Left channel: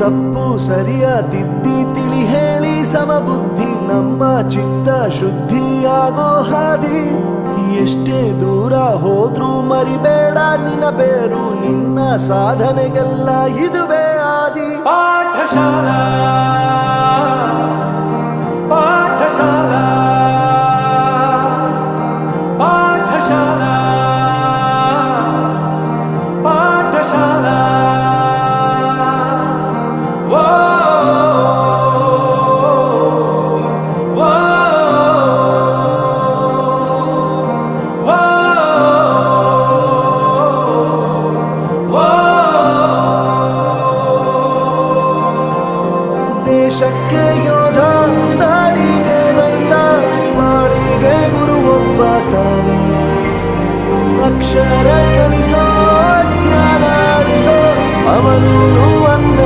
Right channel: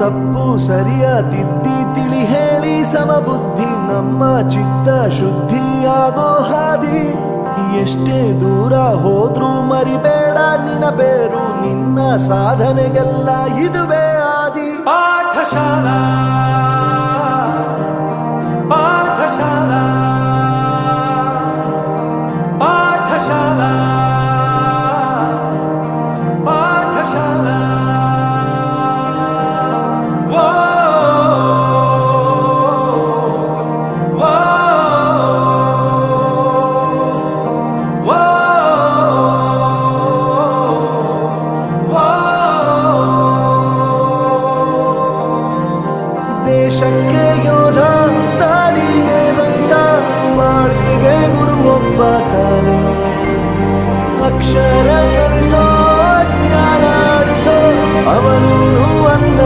ತಪ್ಪು ಸರಿಯ ತಿದ್ದಿ ತಿಳಿ ಹೇಳಿ ಸಮಬುದ್ಧಿ ನಮ್ಮ ಚಿತ್ತ ಶುದ್ಧಿಯಾಗೋ ಹಾದಿ. ಎಷ್ಟೇ ದೂರ ಹೋದ್ರೂ ಮರಿಬೇಡ ನಿನ್ನ ಬೇರು, ನಿನ್ನ ಸಾಧನೆಗೆಲ್ಲ ಇದುವೇ ಆದಿ. ಪಾಠಶಾಲಾ ಪಾಠಶಾಲಾ ಪಾಠಶಾಲಾ ಪಾಠಶಾಲಾ. ದೇಶಕ್ಕೆ ಯೋಧ, ನಾಡಿಗೆ ರೈತ, ಬಾಳಿಗೆ ಗುರು ಒಬ್ಬ ತಾನೆ. ಅಕ್ಷರ ಕಲಿಸೋ, ಜ್ಞಾನ ಅಳಿಸೋ ಅವನು ಅನ್ನ